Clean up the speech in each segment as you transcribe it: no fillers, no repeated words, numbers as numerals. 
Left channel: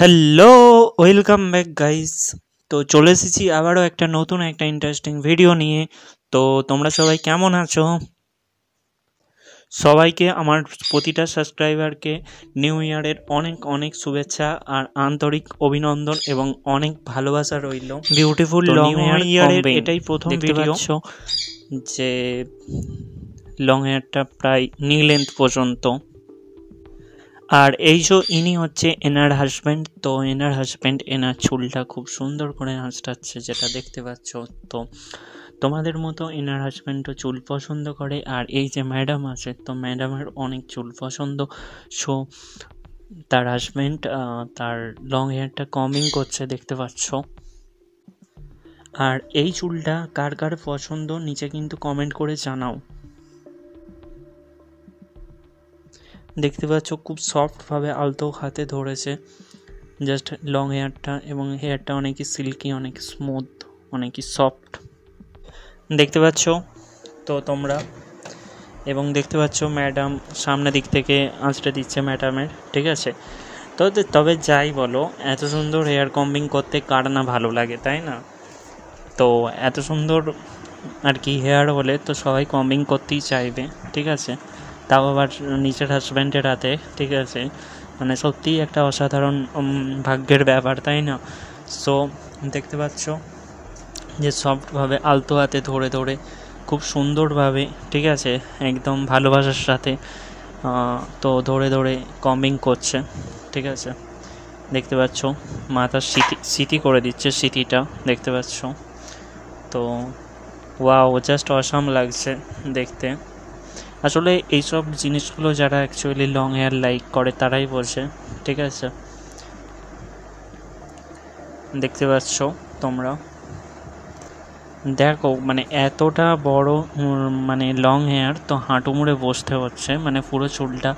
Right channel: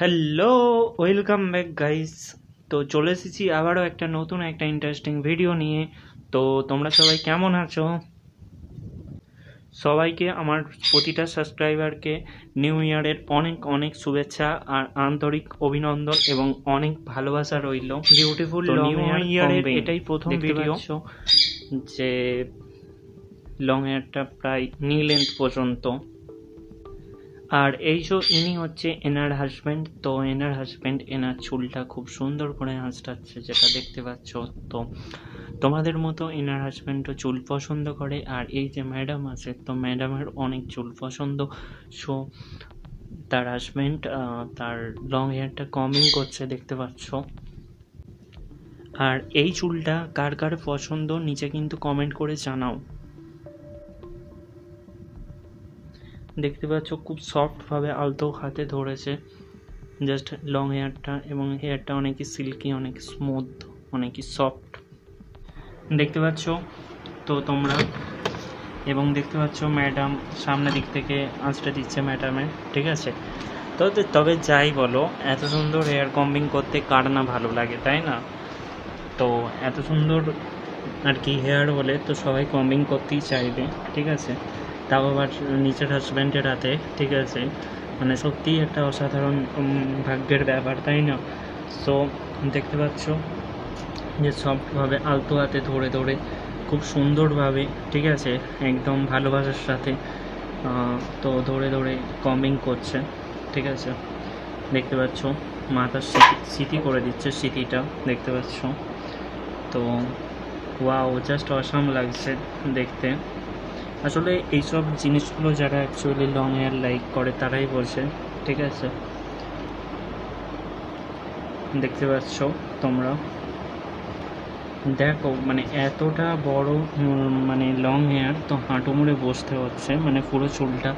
Hello, welcome back guys. তো চলে এসেছি আবারও একটা নতুন একটা ইন্টারেস্টিং ভিডিও নিয়ে। তো তোমরা সবাই কেমন আছো? সবাইকে আমার প্রতিটা সাবস্ক্রাইবারকে নিউ ইয়ারের অনেক অনেক শুভেচ্ছা আর আন্তরিক অভিনন্দন এবং অনেক ভালোবাসা রইল। বিউটিফুল লং ইয়ারের এটাই প্রথম ভিডিও যে লং হেয়ারটা প্রায় নি লেন্থ পর্যন্ত। আর এই যে ইনি হচ্ছে এনার হাজব্যান্ড। তো এনার হাজব্যান্ড এনার চুলটা খুব সুন্দর করে আঁচড়াচ্ছে, যেটা দেখতে পাচ্ছ। তো তোমাদের মতো এনার হাজব্যান্ডও চুল পছন্দ করে। আর এই যে ম্যাডাম আছে, তো ম্যাডামের অনেক চুল পছন্দ। সো তার হাজব্যান্ড তার লং হেয়ারটা কমিং করছে, দেখতে পাচ্ছ। আর এই চুলটা কার কার পছন্দ নিচে কিন্তু কমেন্ট করে জানাও। দেখতে পাচ্ছ খুব সফটভাবে আলতো হাতে ধরেছে জাস্ট লং হেয়ারটা, এবং হেয়ারটা অনেকই সিল্কি, অনেক স্মুথ, অনেকই সফট দেখতে পাচ্ছ তো তোমরা। এবং দেখতে পাচ্ছ ম্যাডাম সামনের দিক থেকে আঁচড়ে দিচ্ছে ম্যাডামের, ঠিক আছে। তো তবে যাই বলো, এত সুন্দর হেয়ার কম্বিং করতে কার না ভালো লাগে, তাই না? তো এত সুন্দর আর কি হেয়ার হলে তো সবাই কম্বিং করতেই চাইবে, ঠিক আছে। তাও আবার নিজের হাজব্যান্ডের হাতে, ঠিক আছে। মানে সত্যিই একটা অসাধারণ ভাগ্যের ব্যাপার, তাই না? সো দেখতে পাচ্ছ যে সফটভাবে আলতো হাতে ধরে ধরে খুব সুন্দরভাবে, ঠিক আছে, একদম ভালোবাসার সাথে তো ধরে ধরে কম্বিং করছে, ঠিক আছে। দেখতে পাচ্ছ মাথার স্মৃতি করে দিচ্ছে, স্মৃতিটা দেখতে পাচ্ছ। তো ওয়াও, জাস্ট অসাম লাগছে দেখতে। আসলে এইসব জিনিসগুলো যারা অ্যাকচুয়ালি লং হেয়ার লাইক করে তারাই বোঝে, ঠিক আছে। দেখতে পাচ্ছ তোমরা, দেখো মানে এতটা বড় মানে লং হেয়ার, তো হাঁটু মুড়ে বসতে হচ্ছে, মানে পুরো চুলটা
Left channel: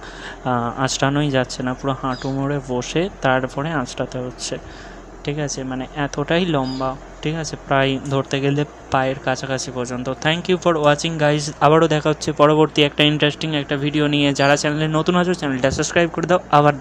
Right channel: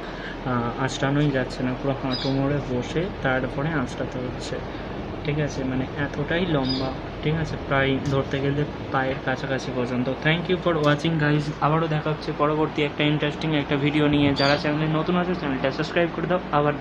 আঁচড়ানোই যাচ্ছে না, পুরো হাঁটু মুড়ে বসে তারপরে আঁচড়াতে হচ্ছে, ঠিক আছে। মানে এতটাই লম্বা, ঠিক আছে, প্রায় ধরতে গেলে পায়ের কাছাকাছি পর্যন্ত। Thank you for watching guys. আবারও দেখা হচ্ছে পরবর্তী একটা ইন্টারেস্টিং একটা ভিডিও নিয়ে। যারা চ্যানেলে নতুন আছো চ্যানেলটা সাবস্ক্রাইব করে দাও। আবার